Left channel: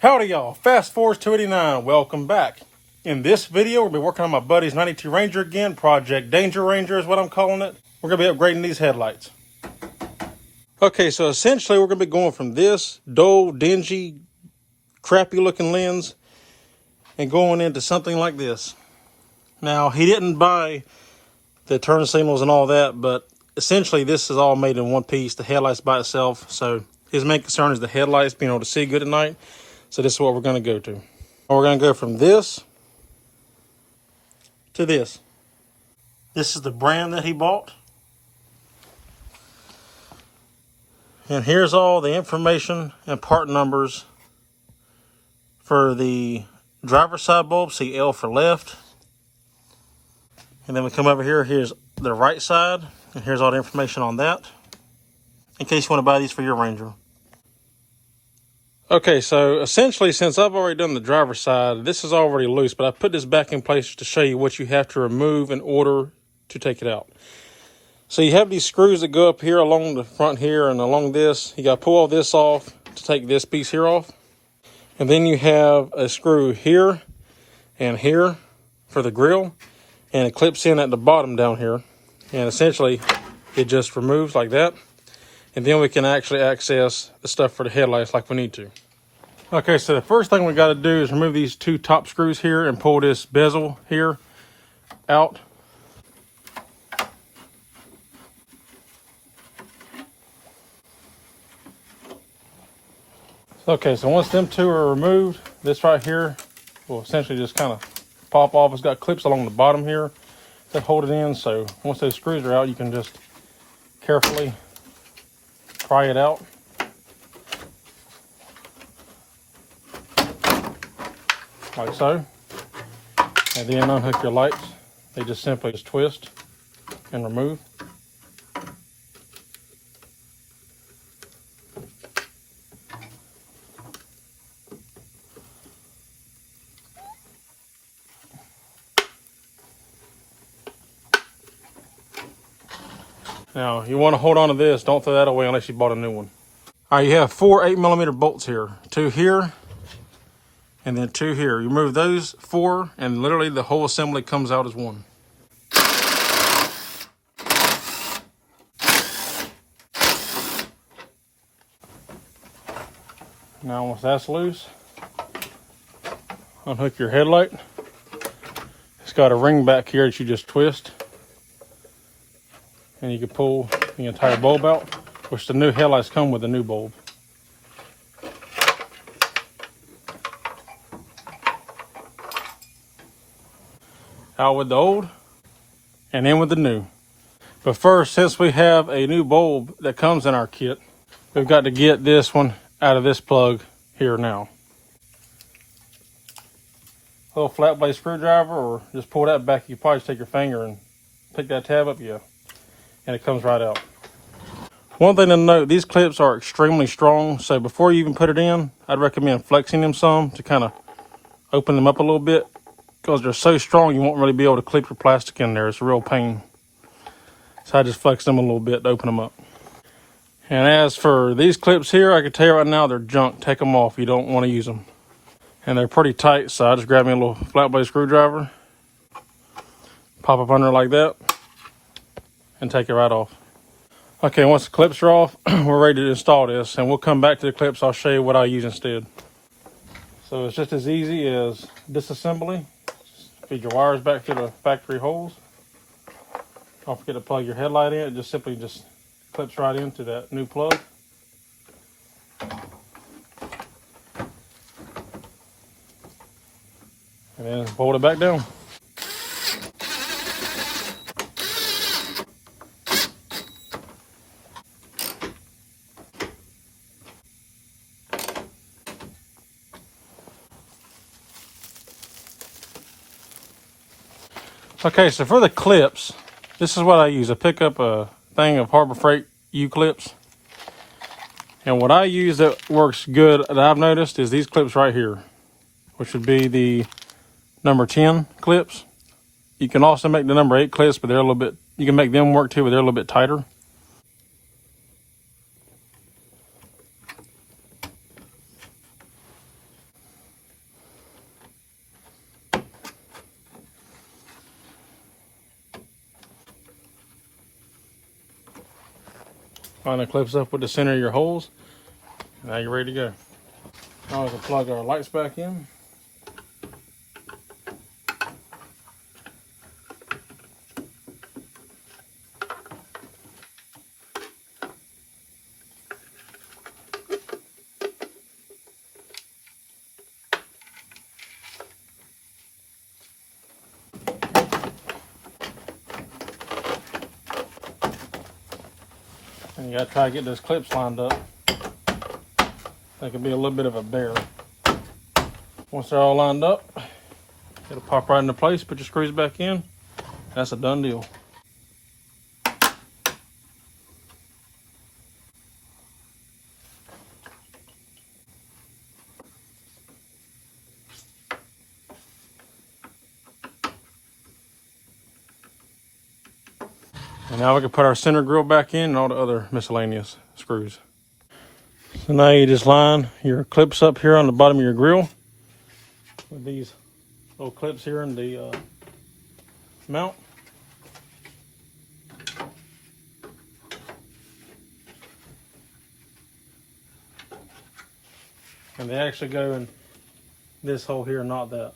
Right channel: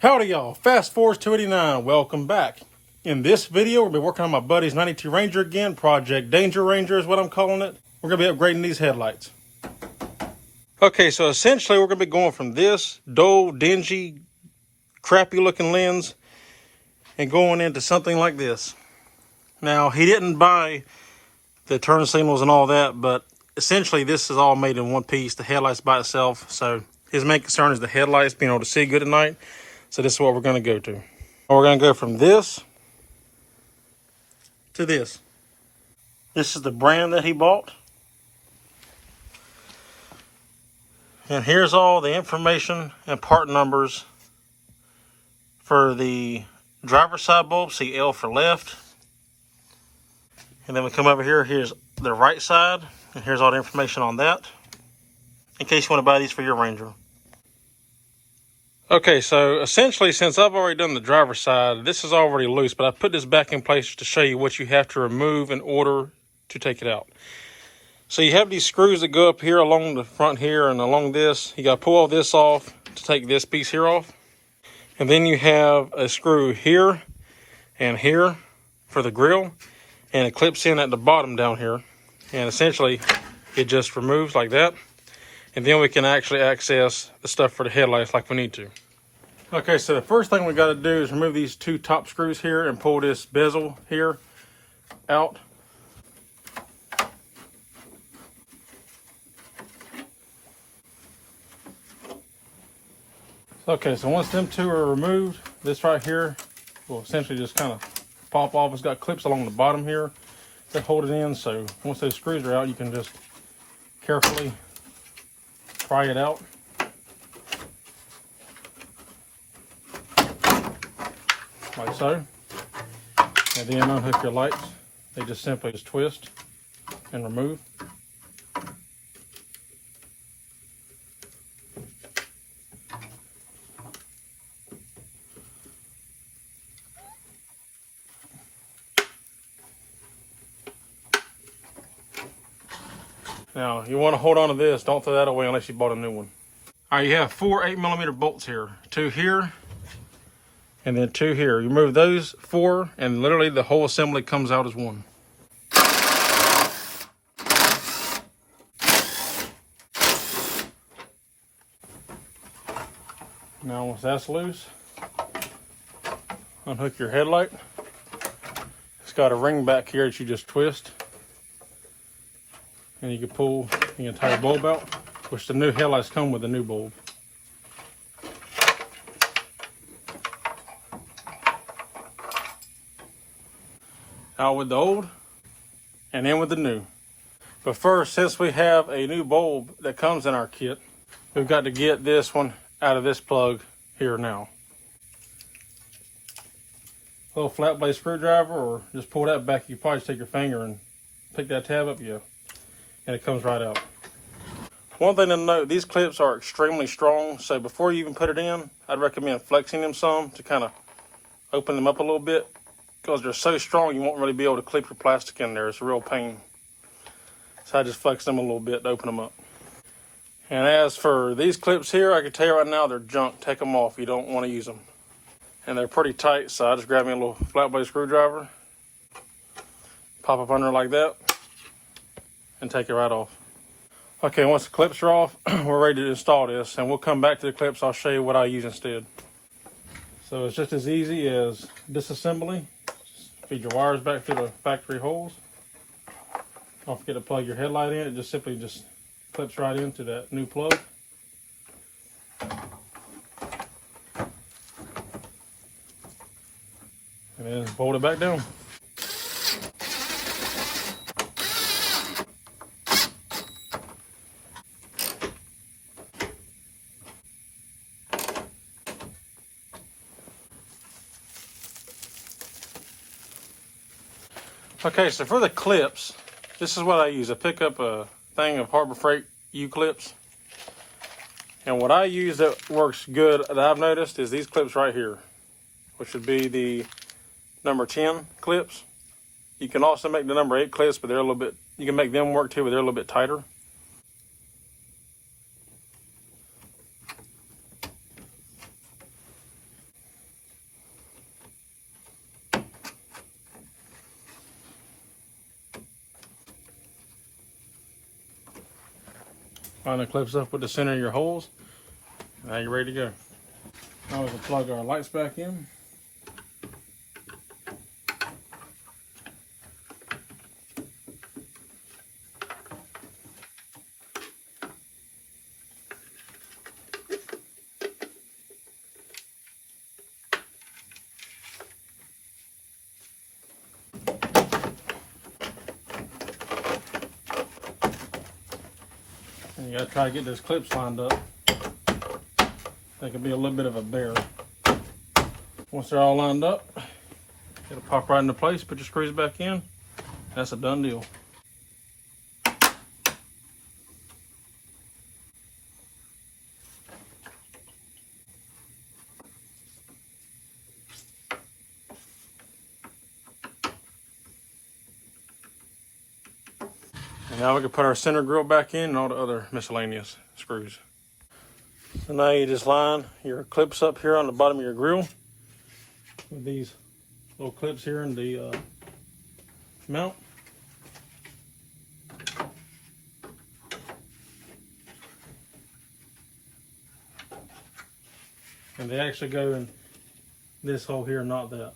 Howdy y'all, Fast Forward 289, welcome back. In this video, we'll be working on my buddy's 92 Ranger again. Project Danger Ranger is what I'm calling it. We're gonna be upgrading these headlights. Okay, so essentially we're gonna be going from this dull, dingy, crappy looking lens and going into something like this. Now, he didn't buy the turn signals and all that, but essentially this is all made in one piece, the headlights by itself. So his main concern is the headlights, being able to see good at night. So this is what we're going to go to. We're going to go from this to this. This is the brand that he bought. And here's all the information and part numbers for the driver's side bulb. See L for left. And then we come over here. Here's the right side. And here's all the information on that, in case you want to buy these for your Ranger. Okay, so essentially, since I've already done the driver's side, this is already loose, but I put this back in place to show you what you have to remove in order to take it out. So you have these screws that go up here along the front here and along this. You got to pull all this off to take this piece here off. And then you have a screw here and here for the grill, and it clips in at the bottom down here. And essentially, it just removes like that. And then we can actually access the stuff for the headlights like we need to. Okay, so the first thing we got to do is remove these two top screws here and pull this bezel here out. Okay, so once them two are removed, this right here will essentially just kind of pop off. It's got clips along the bottom here that hold it in. So once those screws are out, you can just carefully pry it out. Like so. And then unhook your lights. They just simply just twist and remove. Now, you want to hold on to this. Don't throw that away unless you bought a new one. All right, you have 4 8mm bolts here. 2 here, and then 2 here. You remove those 4, and literally the whole assembly comes out as one. Now, once that's loose, unhook your headlight. It's got a ring back here that you just twist. And you can pull the entire bulb out, which the new headlights come with a new bulb. Out with the old, and in with the new. But first, since we have a new bulb that comes in our kit, we've got to get this one out of this plug here now. A little flat blade screwdriver, or just pull that back. You can probably just take your finger and pick that tab up, and it comes right out. One thing to note, these clips are extremely strong, so before you even put it in, I'd recommend flexing them some to kind of open them up a little bit, because they're so strong you won't really be able to clip your plastic in there. It's a real pain. So I just flex them a little bit to open them up. And as for these clips here, I can tell you right now they're junk. Take them off, you don't want to use them. And they're pretty tight, so I just grab me a little flat blade screwdriver, pop up under like that, and take it right off. Okay, once the clips are off, we're ready to install this, and we'll come back to the clips. I'll show you what I use instead. So it's just as easy as disassembly. Feed your wires back through the factory holes. Don't forget to plug your headlight in. It just simply clips right into that new plug. And then bolt it back down. Okay, so for the clips, this is what I use. I pick up a thing of Harbor Freight U-clips. And what I use that works good that I've noticed is these clips right here, which would be the number 10 clips. You can also make the number 8 clips, but they're a little bit, you can make them work too, but they're a little bit tighter. line the clips up with the center of your holes. Now you're ready to go. Now we can plug our lights back in. And you gotta try to get those clips lined up. That could be a little bit of a bear. Once they're all lined up, it'll pop right into place. Put your screws back in. That's a done deal. And now we can put our center grill back in and all the other miscellaneous screws. So now you just line your clips up here on the bottom of your grill with these little clips here in the mount. And they actually go in this hole here, not that.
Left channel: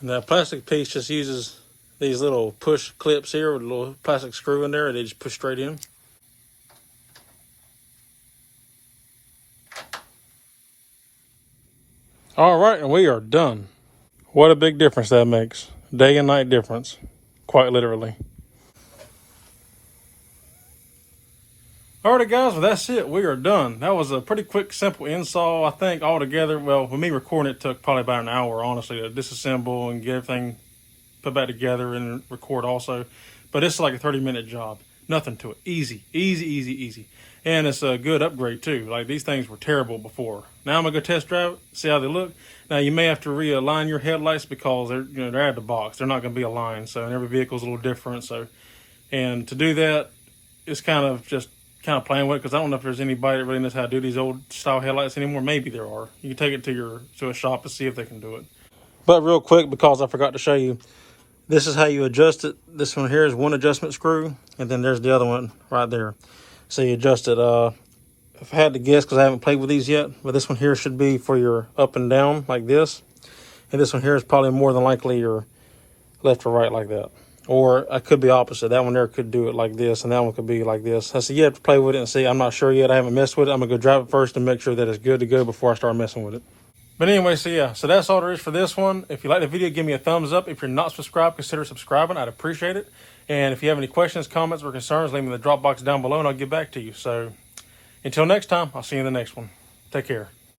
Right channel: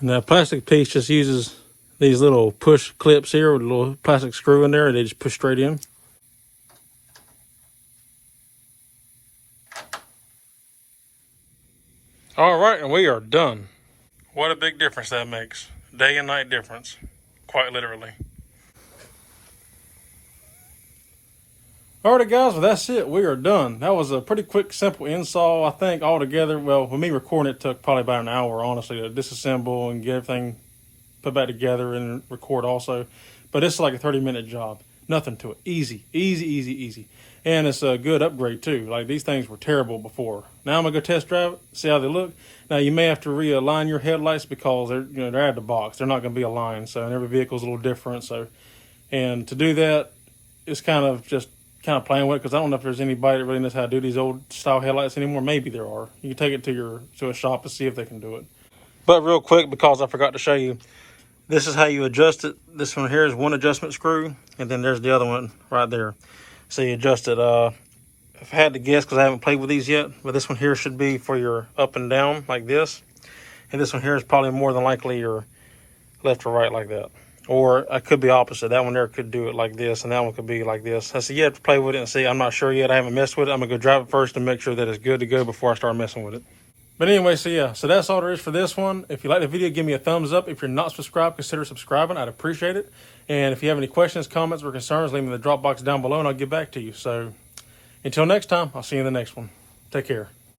And that plastic piece just uses these little push clips here with a little plastic screw in there. They just push straight in. All right, and we are done. What a big difference that makes. Day and night difference, quite literally. Alrighty guys, well that's it. We are done. That was a pretty quick, simple install. I think altogether, well, with me recording it took probably about an hour, honestly, to disassemble and get everything put back together and record also. But it's like a 30-minute job. Nothing to it. Easy, easy, easy, easy. And it's a good upgrade too. Like these things were terrible before. Now I'm gonna go test drive it, see how they look. Now you may have to realign your headlights because they're out of the box. They're not gonna be aligned. So and every vehicle's a little different. So, and to do that, it's kind of playing with it because I don't know if there's anybody that really knows how to do these old style headlights anymore. Maybe there are. You can take it to a shop and see if they can do it. But real quick, because I forgot to show you, this is how you adjust it. This one here is one adjustment screw, and then there's the other one right there. So you adjust it. If I had to guess, because I haven't played with these yet, but this one here should be for your up and down like this, and this one here is probably more than likely your left or right like that. Or I could be opposite. That one there could do it like this, and that one could be like this. I said, you have to play with it and see. I'm not sure yet. I haven't messed with it. I'm going to go drive it first and make sure that it's good to go before I start messing with it. But anyway, so yeah. So that's all there is for this one. If you like the video, give me a thumbs up. If you're not subscribed, consider subscribing. I'd appreciate it. And if you have any questions, comments, or concerns, leave them in the drop box down below, and I'll get back to you. So until next time, I'll see you in the next one. Take care.